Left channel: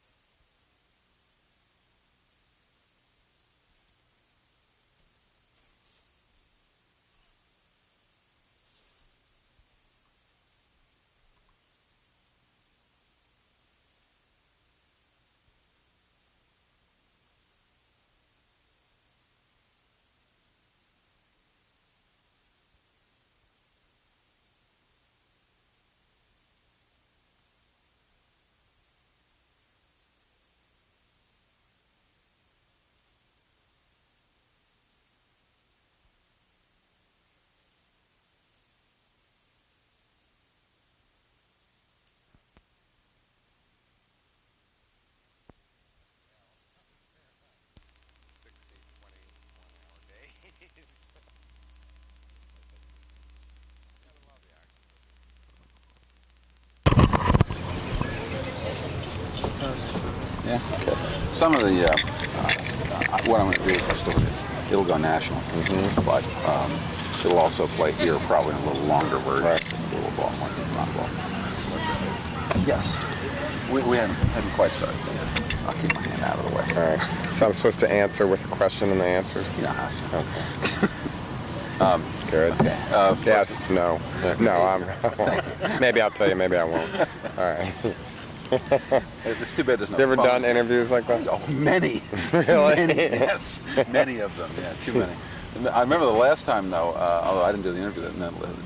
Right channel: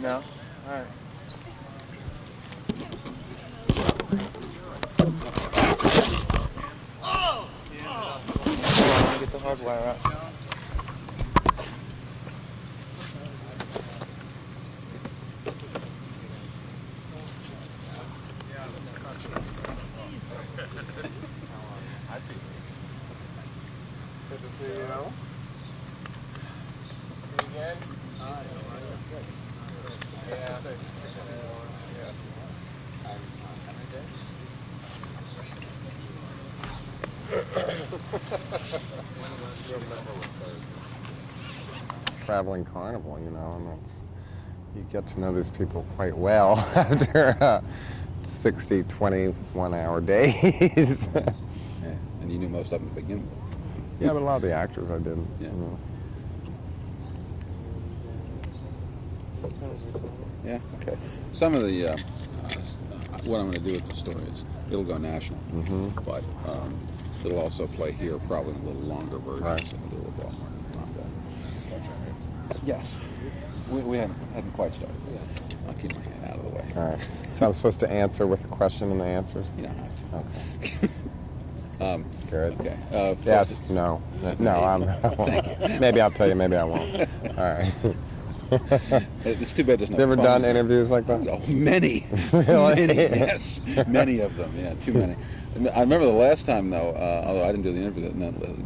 No? All right. Hold on, let me get the hard wire out. Good to see you. Again? Traveling carnival, you know, and that's, you get to know these people quite well after 60, 21-hour days. Yeah, and you knew most of them to begin with. Yeah, but a lot of the actors I didn't. Yeah. You know. Yeah. Some of the, what I'm going to do with the story is it'll go national, but it'll also play here probably in a little longer version. Right. A little ball, not ball. Yes. We haven't quite started. I'll keep my hand out of the way. All right. So I'm supposed to answer with the question and the answers? You don't have to. Okay. Good. Okay. Yes, no. No, I'm. Thank you. Maybe I'll tell you, maybe I won't. All right. It's too bad there's no You ever phone. done interviews like that? Oh, many. Really? Many, yes. Many of them. Yeah, too many. I remember the last time, though, although I didn't do the interview,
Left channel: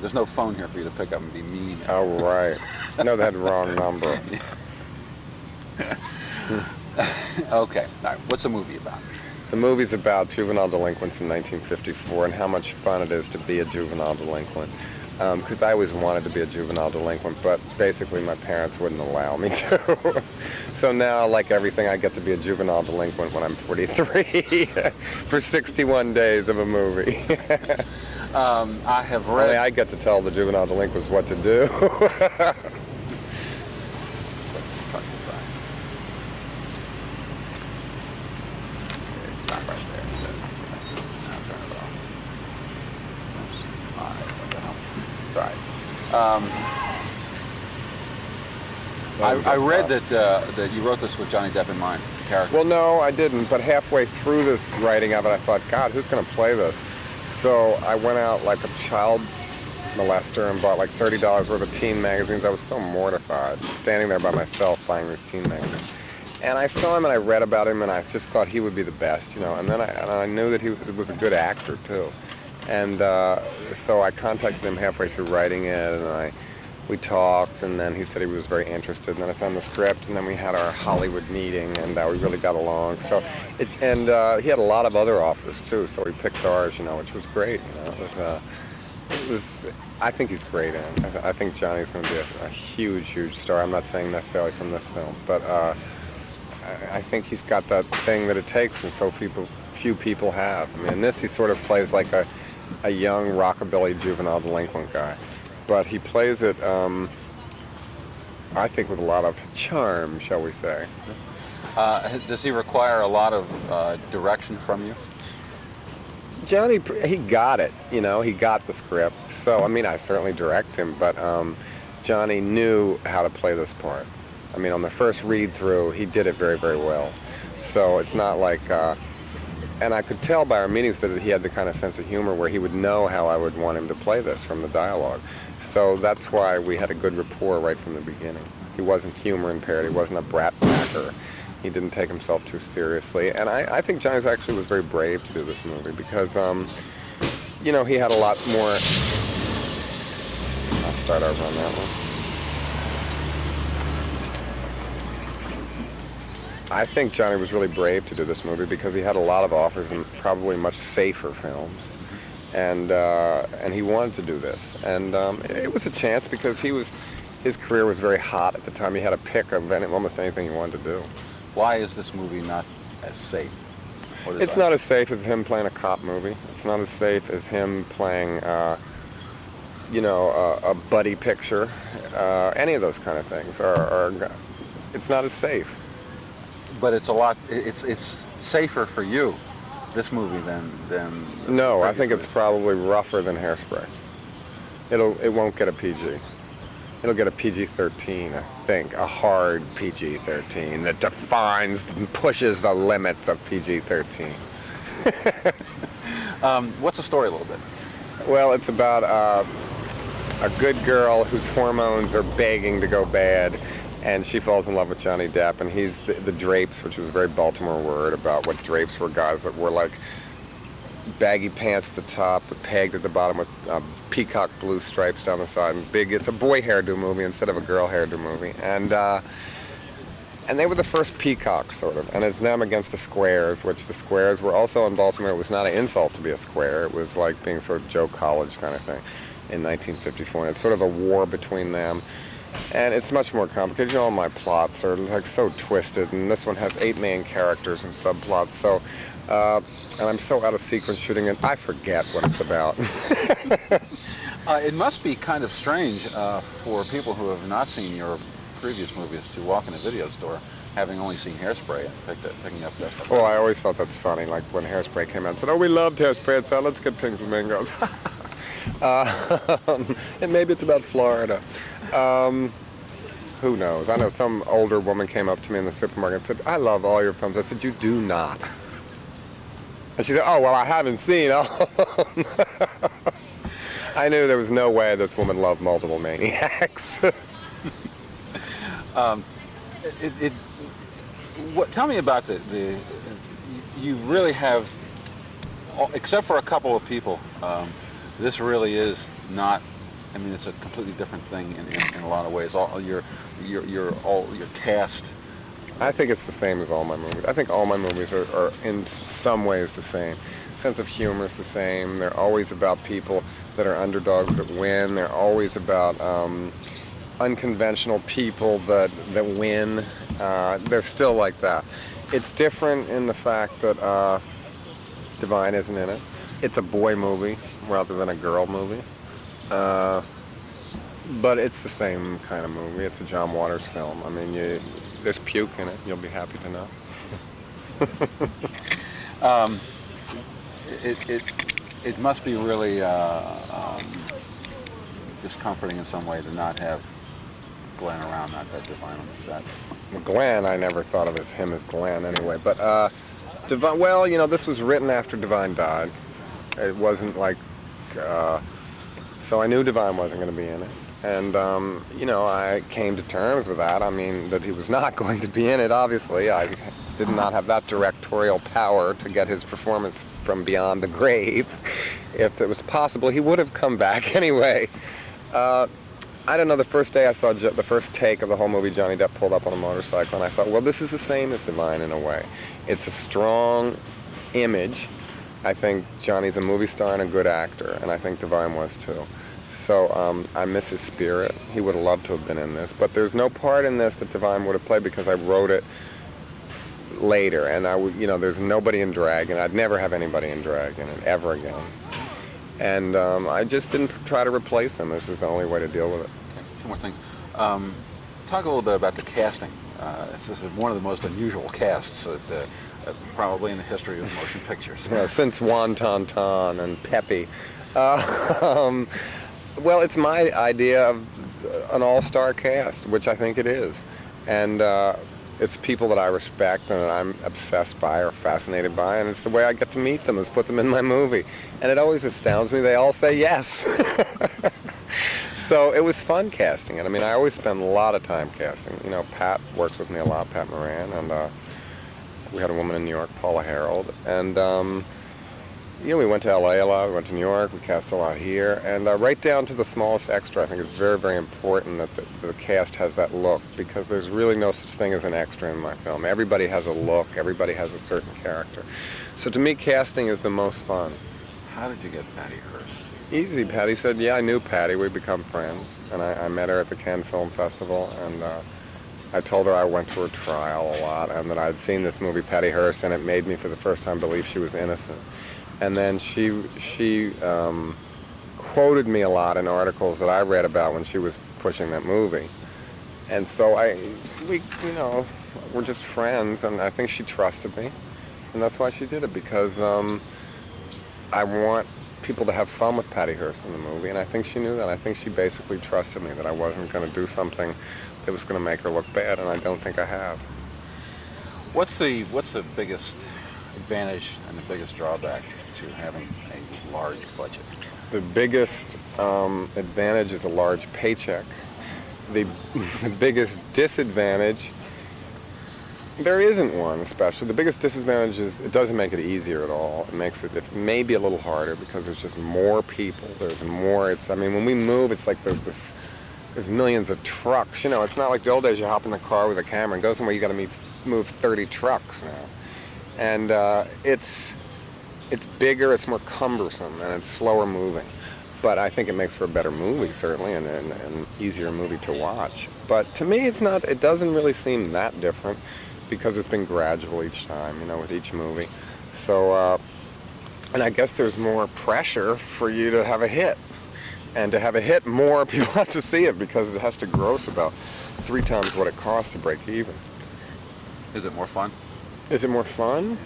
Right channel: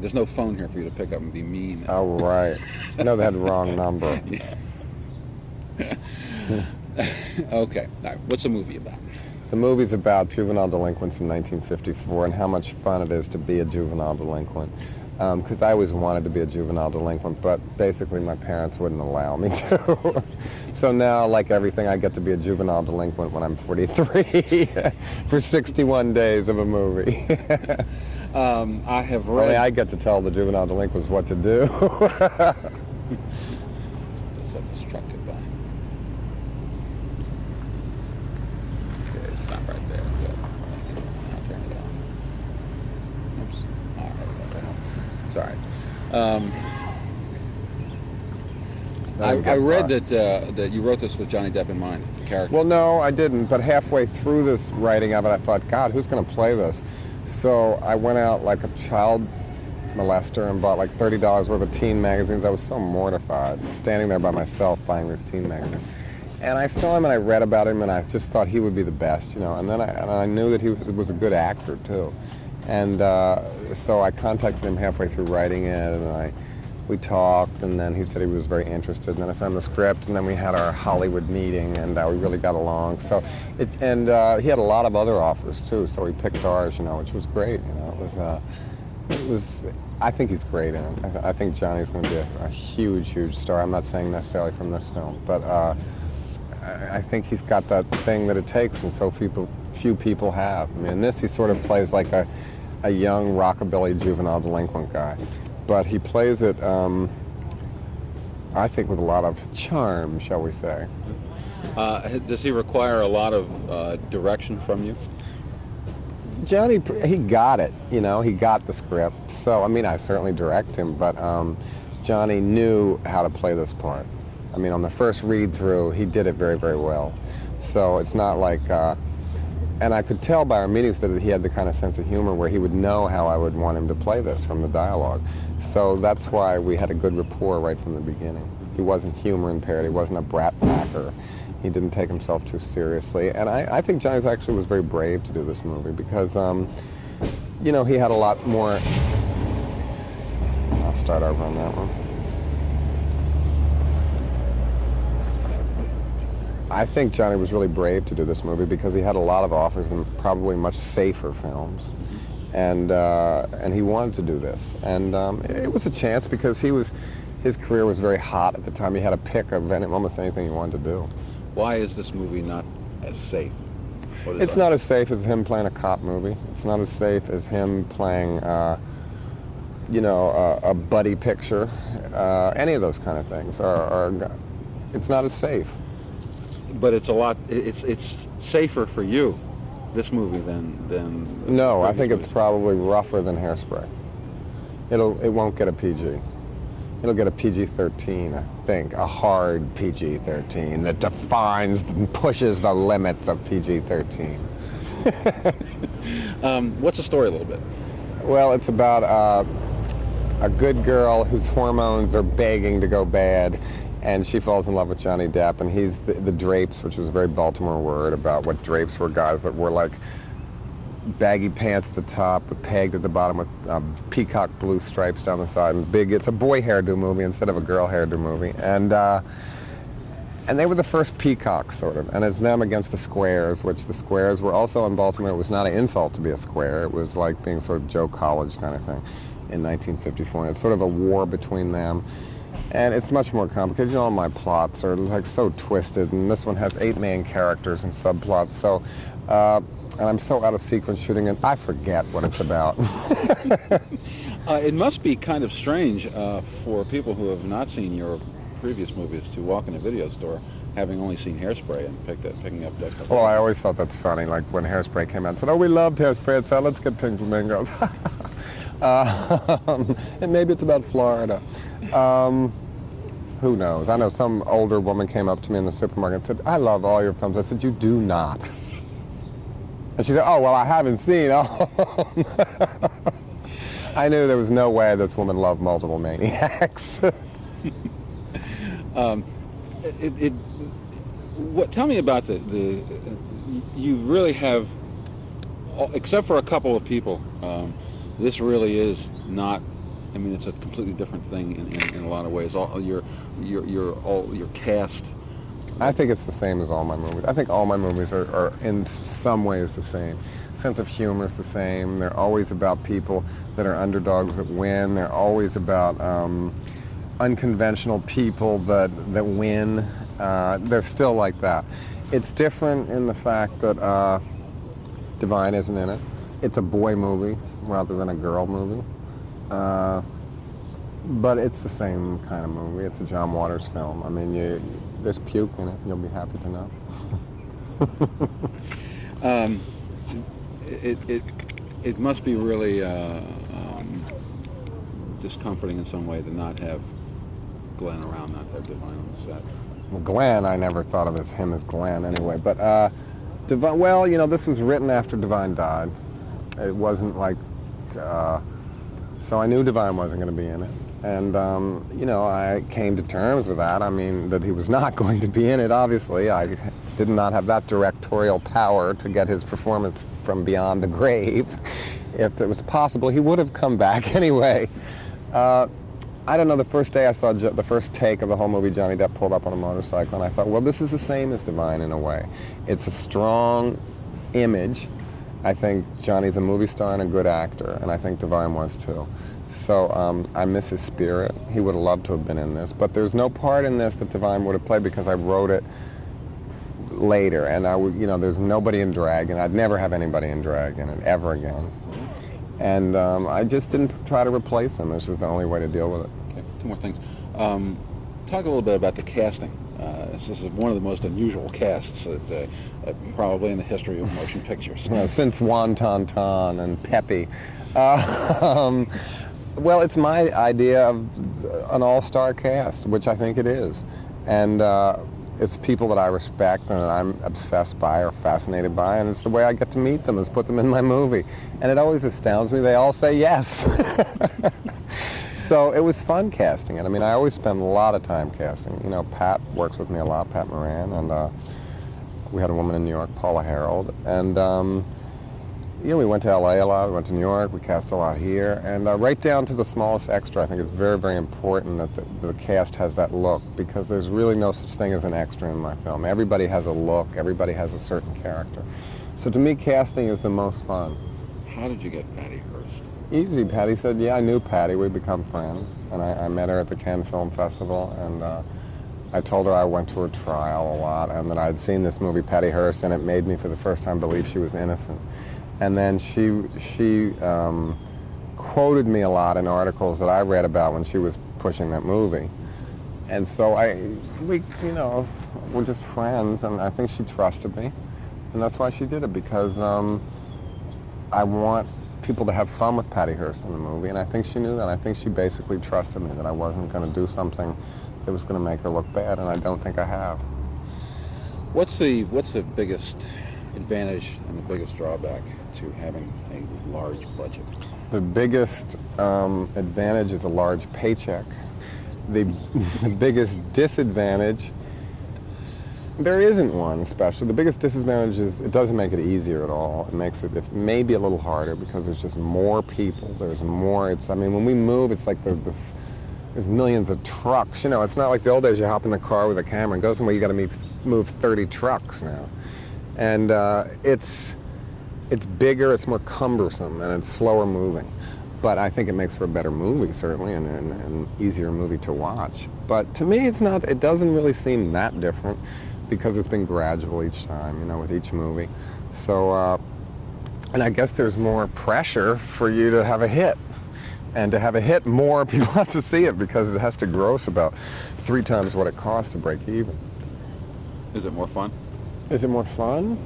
there's no phone here for you to pick up and be mean. Oh, right. No, that wrong number. Okay. All right. What's the movie about? The movie's about juvenile delinquents in 1954 and how much fun it is to be a juvenile delinquent. Because I always wanted to be a juvenile delinquent, but basically my parents wouldn't allow me to. So now, like everything, I get to be a juvenile delinquent when I'm 43 for 61 days of a movie. I have read... Only I get to tell the juvenile delinquents what to do. It's not right there. Sorry. I read that you wrote this with Johnny Depp in mind, the character. Well, no, I didn't, but halfway through this writing of it, I thought, God, who's going to play this? So I went out like a child molester and bought like $30 worth of teen magazines. I was so mortified, standing there by myself buying these teen magazines. And I saw him and I read about him and I just thought he would be the best, you know. And then I knew that he was a good actor, too. And so I contacted him halfway through writing it, and we talked, and then he said he was very interested, and then I sent him the script, and then we had our Hollywood meeting, and we really got along. So, he had a lot of other offers too, so he picked ours, you know, which was great. You know, it was. I think he's great in it. I think Johnny's going to be a huge, huge star. I'm not saying necessarily from this film, but I think he's got that thing that it takes, and so few people have. I mean, in this he sort of plays like a young rockabilly juvenile delinquent guy, but he plays it, I think, with a lot of charm, shall we say. Does he require a lot of direction from you? Johnny, he got it, you know, he got the script. So, I mean, I certainly direct him, but Johnny knew how to play this part. I mean, on the first read-through, he did it very, very well. So it's not like, and I could tell by our meetings that he had the kind of sense of humor where he would know how I would want him to play this from the dialogue. So that's why we had a good rapport right from the beginning. He wasn't humor impaired, he wasn't a brat packer. He didn't take himself too seriously. And I think Johnny actually was very brave to do this movie because, you know, he had a lot more... I'll start over on that one. I think Johnny was really brave to do this movie because he had a lot of offers and probably much safer films. And he wanted to do this. And it was a chance because his career was very hot at the time. He had a pick of almost anything he wanted to do. Why is this movie not as safe? It's not as safe as him playing a cop movie. It's not as safe as him playing, you know, a buddy picture. Any of those kind of things it's not as safe. But it's a lot. It's safer for you, this movie, than. No, I think it's probably rougher than Hairspray. It won't get a PG. It'll get a PG-13, I think, a hard PG-13 that defines and pushes the limits of PG-13. What's the story a little bit? Well, it's about a good girl whose hormones are begging to go bad, and she falls in love with Johnny Depp, and he's the drapes, which was a very Baltimore word about what drapes were, guys that were like baggy pants at the top, pegged at the bottom with peacock blue stripes down the side, and big. It's a boy hairdo movie instead of a girl hairdo movie, and they were the first peacocks, sort of, and it's them against the squares, which the squares were also in Baltimore. It was not an insult to be a square. It was like being sort of Joe College kind of thing in 1954, and it's sort of a war between them. And it's much more complicated. You know, all my plots are like so twisted, and this one has 8 main characters and subplots. So, and I'm so out of sequence shooting it, I forget what it's about. It must be kind of strange for people who have not seen your previous movies to walk in a video store having only seen Hairspray and picking up this. Well, I always thought that's funny. Like when Hairspray came out and said, "Oh, we loved Hairspray," and said, "Let's get Pink Flamingos." And maybe it's about Florida. Who knows? I know some older woman came up to me in the supermarket and said, "I love all your films." I said, "You do not." And she said, "Oh, well, I haven't seen all of them." I knew there was no way this woman loved Multiple Maniacs. Tell me about you really have, except for a couple of people, this really is not, I mean, it's a completely different thing in a lot of ways. All your cast. I think it's the same as all my movies. I think all my movies are in some ways the same. Sense of humor is the same. They're always about people that are underdogs that win. They're always about unconventional people that win. They're still like that. It's different in the fact that Divine isn't in it. It's a boy movie rather than a girl movie. But it's the same kind of movie. It's a John Waters film. I mean, there's puke in it. You'll be happy to know. It must be really discomforting in some way to not have Glenn around, not to have Divine on the set. Well, Glenn, I never thought of him as Glenn anyway. But Divine, well, you know, this was written after Divine died. It wasn't like, so I knew Divine wasn't going to be in it. And, you know, I came to terms with that. I mean, that he was not going to be in it, obviously. I did not have that directorial power to get his performance from beyond the grave. If it was possible, he would have come back anyway. I don't know, the first day I saw the first take of the whole movie, Johnny Depp pulled up on a motorcycle, and I thought, well, this is the same as Divine in a way. It's a strong image. I think Johnny's a movie star and a good actor, and I think Divine was too. So I miss his spirit. He would have loved to have been in this, but there's no part in this that Divine would have played because I wrote it later, and I would, you know, there's nobody in drag, and I'd never have anybody in drag in it ever again. And I just didn't try to replace him. This is the only way to deal with it. Okay, 2 more things. Talk a little bit about the casting. This is one of the most unusual casts probably in the history of motion pictures. Yeah, since Juan Tantan and Pepe. Well, it's my idea of an all-star cast, which I think it is. And it's people that I respect and that I'm obsessed by or fascinated by, and it's the way I get to meet them, is put them in my movie. And it always astounds me, they all say yes. So it was fun casting it. I mean, I always spend a lot of time casting. You know, Pat works with me a lot, Pat Moran, and we had a woman in New York, Paula Harold, and you know, we went to LA a lot, we went to New York, we cast a lot here, and right down to the smallest extra. I think it's very, very important that the cast has that look, because there's really no such thing as an extra in my film. Everybody has a look, everybody has a certain character. So to me, casting is the most fun. How did you get Patty Hearst? Easy. Patty said, yeah, I knew Patty, we'd become friends, and I met her at the Cannes Film Festival, and I told her I went to her trial a lot, and that I'd seen this movie, Patty Hearst, and it made me for the first time believe she was innocent. And then she quoted me a lot in articles that I read about when she was pushing that movie. And so we, you know, we're just friends, and I think she trusted me. And that's why she did it, because I want people to have fun with Patty Hearst in the movie, and I think she knew that. I think she basically trusted me that I wasn't going to do something that was going to make her look bad, and I don't think I have. What's the biggest advantage and the biggest drawback to having a large budget? The biggest advantage is a large paycheck. The biggest disadvantage, there isn't one especially. The biggest disadvantage is it doesn't make it easier at all. It makes it maybe a little harder because there's just more people. There's more. I mean, when we move, it's like there's millions of trucks. You know, it's not like the old days you hop in the car with a camera and go somewhere. You got to move 30 trucks now. And it's bigger, it's more cumbersome, and it's slower moving. But I think it makes for a better movie, certainly, and an easier movie to watch. But to me, it doesn't really seem that different because it's been gradual each time, you know, with each movie. So, and I guess there's more pressure for you to have a hit. And to have a hit, more people have to see it because it has to gross about 3 times what it costs to break even. Is it more fun? Is it more fun?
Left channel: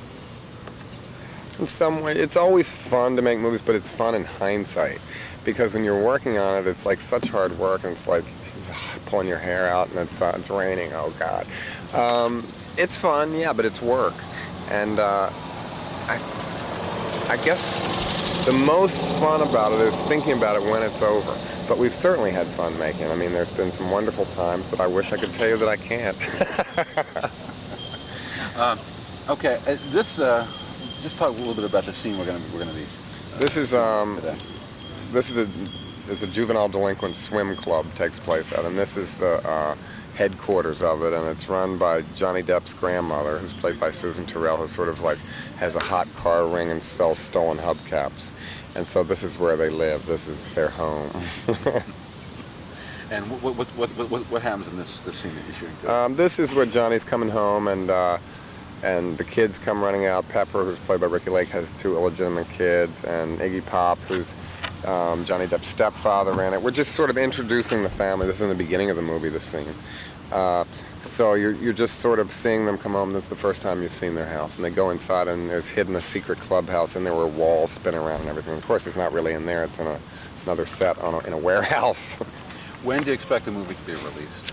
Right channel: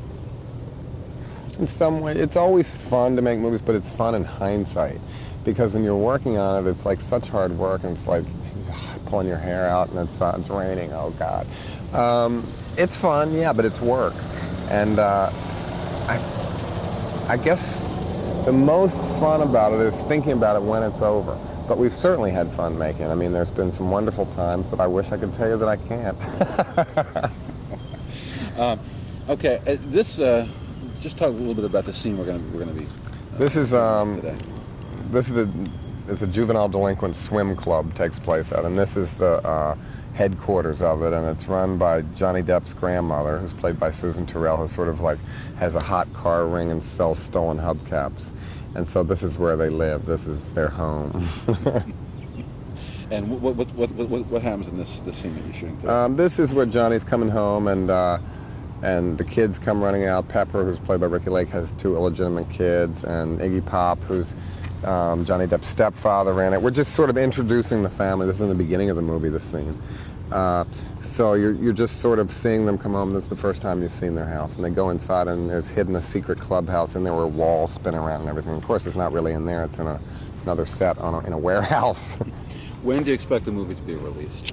In some way, it's always fun to make movies, but it's fun in hindsight. Because when you're working on it, it's like such hard work, and it's like pulling your hair out, and it's raining, oh God. It's fun, yeah, but it's work. And I guess the most fun about it is thinking about it when it's over. But we've certainly had fun making it. I mean, there's been some wonderful times that I wish I could tell you that I can't. Okay, just talk a little bit about the scene we're going to be. This is it's a juvenile delinquent swim club takes place at, and this is the headquarters of it, and it's run by Johnny Depp's grandmother, who's played by Susan Terrell, who sort of like has a hot car ring and sells stolen hubcaps, and so this is where they live. This is their home. And what happens in this scene that you're shooting today? This is where Johnny's coming home, and the kids come running out. Pepper, who's played by Ricky Lake, has 2 illegitimate kids, and Iggy Pop, who's Johnny Depp's stepfather, in it. We're just sort of introducing the family. This is in the beginning of the movie, this scene. So you're just sort of seeing them come home. This is the first time you've seen their house, and they go inside, and there's hidden a secret clubhouse in there where walls spin around and everything. Of course, it's not really in there. It's in another set in a warehouse. When do you expect the movie to be released?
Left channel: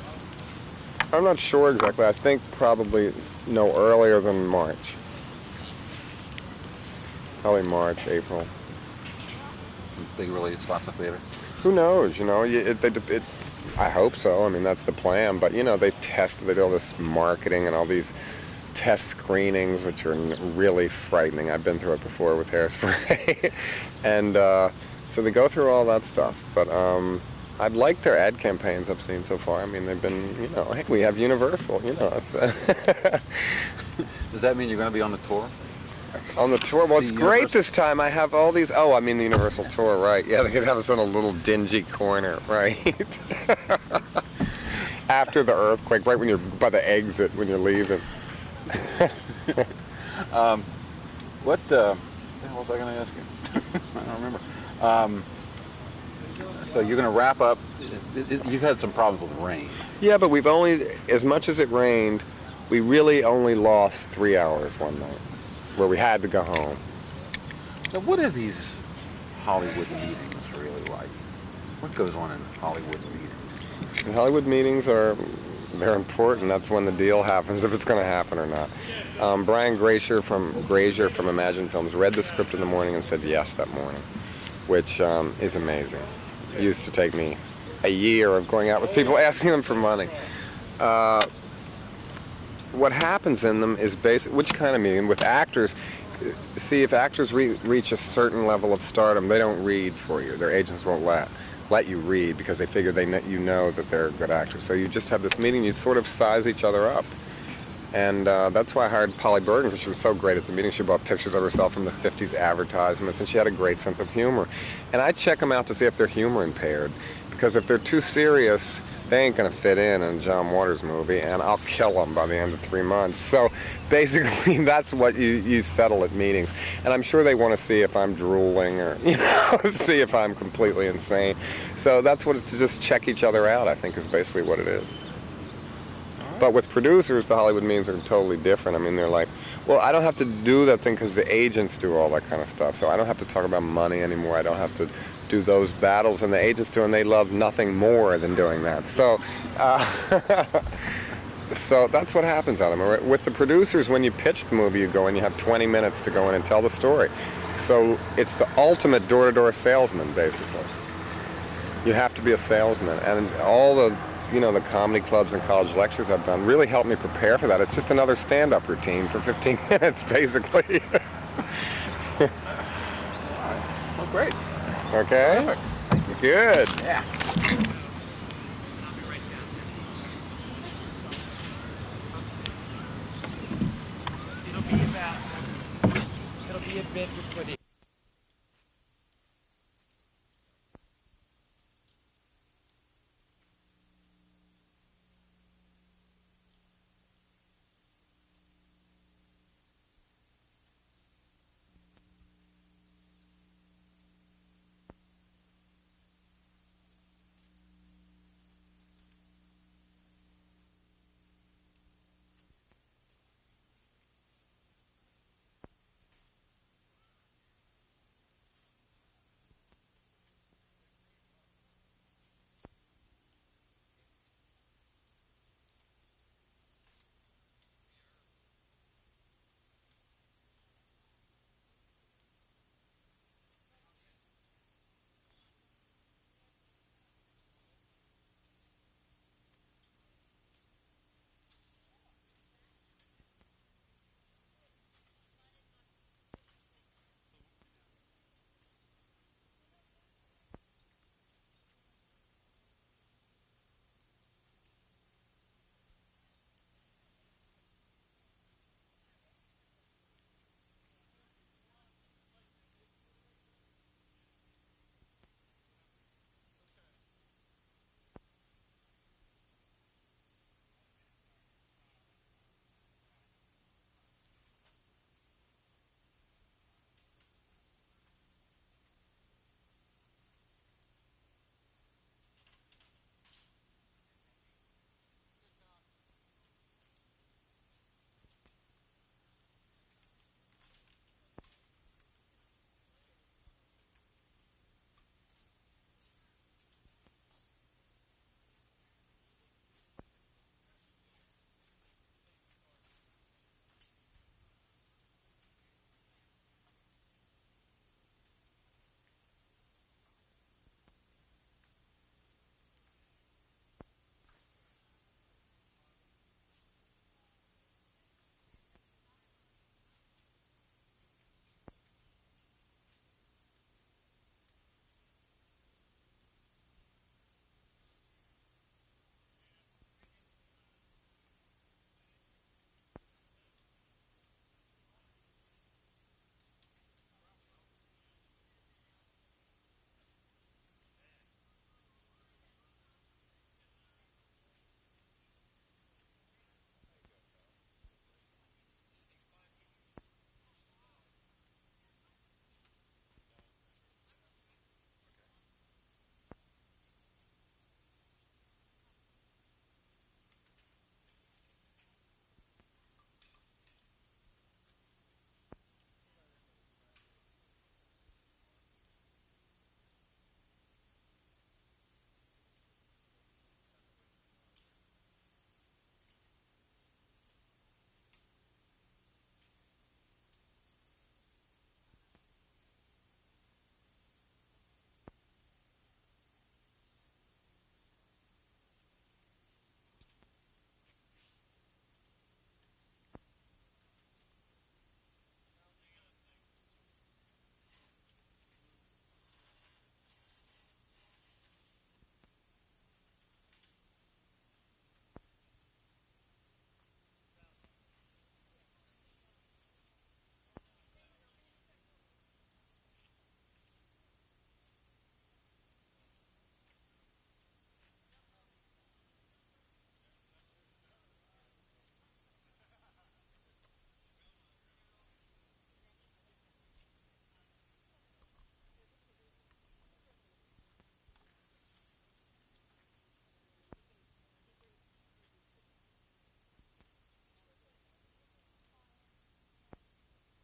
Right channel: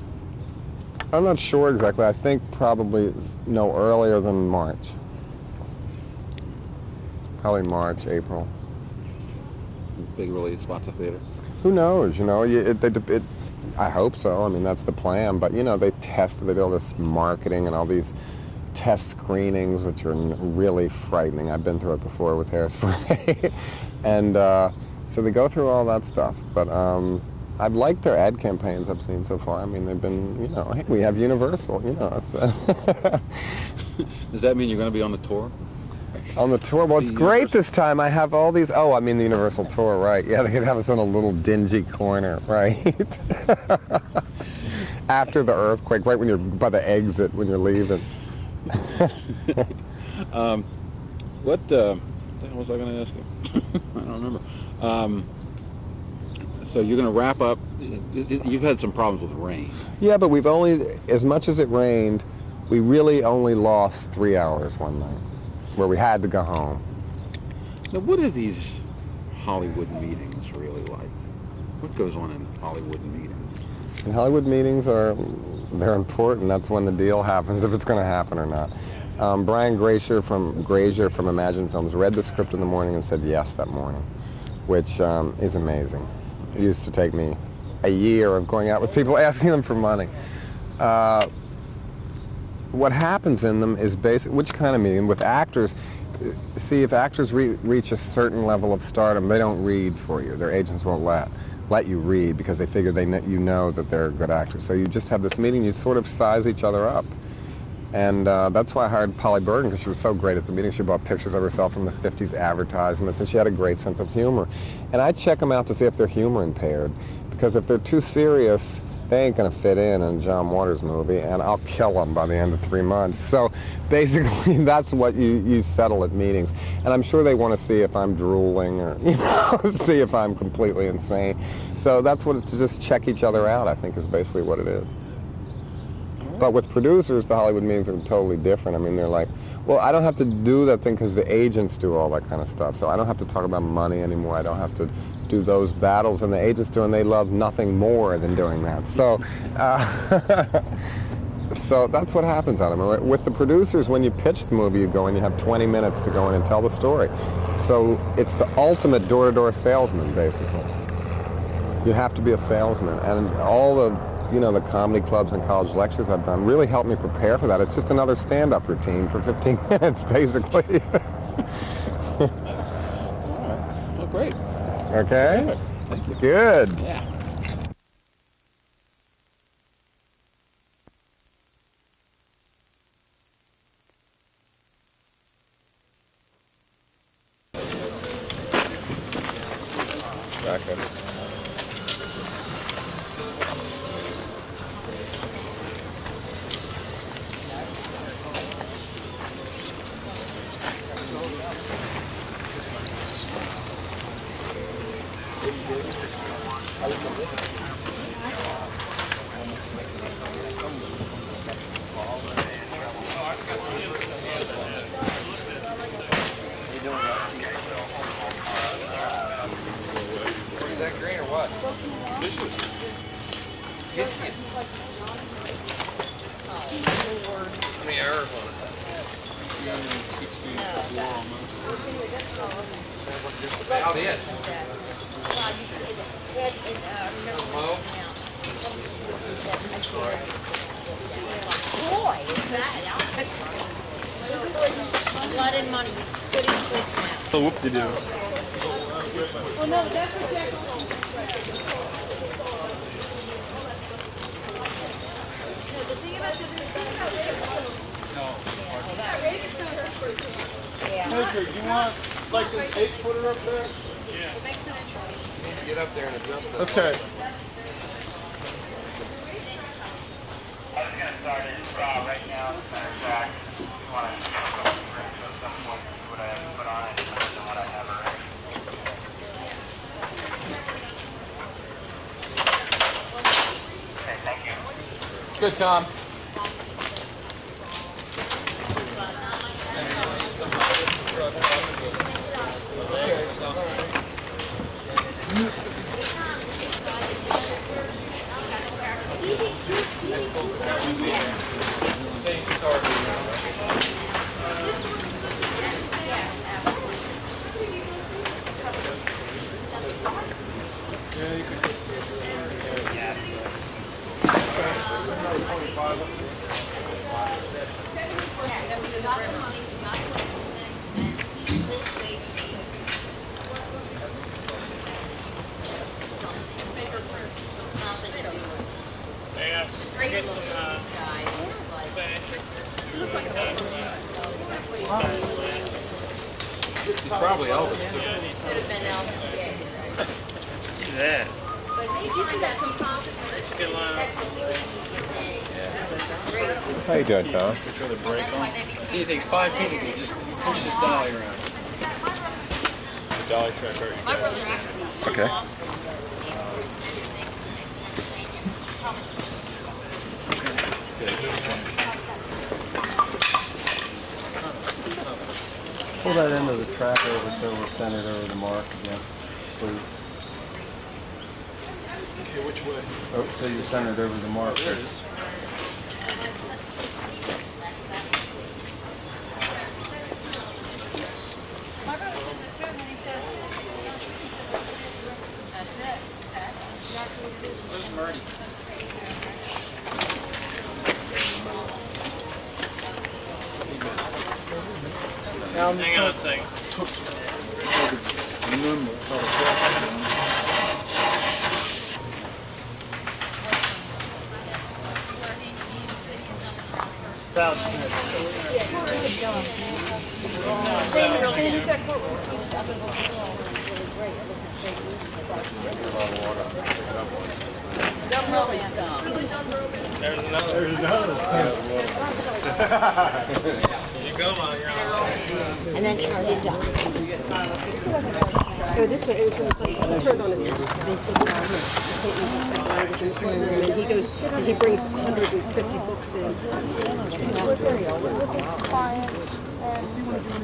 I'm not sure exactly. I think probably no earlier than March. Probably March, April. Big release, lots of theaters. Who knows? You know, I hope so. I mean, that's the plan. But you know, they do all this marketing and all these test screenings, which are really frightening. I've been through it before with Hairspray, and so they go through all that stuff. But I've liked their ad campaigns I've seen so far. I mean, they've been, you know, hey, we have Universal, you know. It's, Does that mean you're going to be on the tour? On the tour? Well, it's great this time. I have all these, I mean the Universal tour, right. Yeah, they could have us in a little dingy corner, right? After the earthquake, right when you're by the exit, when you're leaving. What the hell was I going to ask you? I don't remember. So you're going to wrap up. You've had some problems with rain. Yeah, but we've only, as much as it rained, we really only lost 3 hours one night, where we had to go home. Now, what are these Hollywood meetings really like? What goes on in Hollywood meetings? And Hollywood meetings they're important. That's when the deal happens, if it's going to happen or not. Brian Grazer from Imagine Films read the script in the morning and said yes that morning, which is amazing. It used to take me a year of going out with people asking them for money. What happens in them is which kind of meeting? With actors, see, if actors reach a certain level of stardom, they don't read for you. Their agents won't let you read because they figure you know that they're a good actor. So you just have this meeting, you sort of size each other up. And that's why I hired Polly Bergen, because she was so great at the meeting. She bought pictures of herself from the 50s advertisements, and she had a great sense of humor. And I check them out to see if they're humor impaired, because if they're too serious, they ain't gonna fit in a John Waters movie, and I'll kill them by the end of 3 months. So basically, that's what you settle at meetings. And I'm sure they want to see if I'm drooling or, you know, see if I'm completely insane. So that's what to just check each other out, I think, is basically what it is. But with producers, the Hollywood meetings are totally different. I mean, they're like, well, I don't have to do that thing because the agents do all that kind of stuff. So I don't have to talk about money anymore. I don't have to do those battles, and the agents do, and they love nothing more than doing that. So, so that's what happens on them. With the producers, when you pitch the movie, you go and you have 20 minutes to go in and tell the story. So it's the ultimate door-to-door salesman, basically. You have to be a salesman, and all the the comedy clubs and college lectures I've done really helped me prepare for that. It's just another stand-up routine for 15 minutes, basically. Well, great. Okay? Perfect. Thank you. Good. Yeah. It'll be a bit for footage. Exactly. Is that green or what? How many hours on it? Just about it. Mo? Boy, is that blood and money. Good in quick now. So whoop-de-doo. Oh no, that's what Jack. Edgar, do you want like this 8-footer up there? Yeah. Get up there and adjust it. Okay. I was going to start it right now, as a matter of fact. You want to go through at some point, see what I have to put on it, and what I have already. Okay, thank you. Good, Tom. He's probably Elvis, too. Could have been Elvis, yeah. Yeah. But did you see that composite? That's the newest thing. Great. How you doing, Tom? See, it takes 5 people to just push this dolly around. The dolly track. Okay. Pull that end of the track over so we're centered over the mark again, please. Okay, which way? Oh, so you're centered over the mark. There it is. My brother says it too, and then he says, that's it. That's exactly what it is. Where's Marty? Hang on a second. There's another. You go, Mom. You're on. And then Charlie Duck. Oh, this one, it was really funny. He turned on his, they said, in one room, and he goes and he brings 150 books in. With his client, and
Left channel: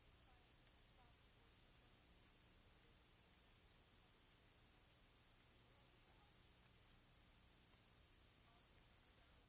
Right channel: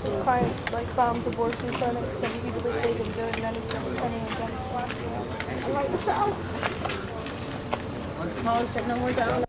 his client like bombs abortion clinics, and he believes they can do it, and then he starts turning against life. I like the South. Paul said no more down.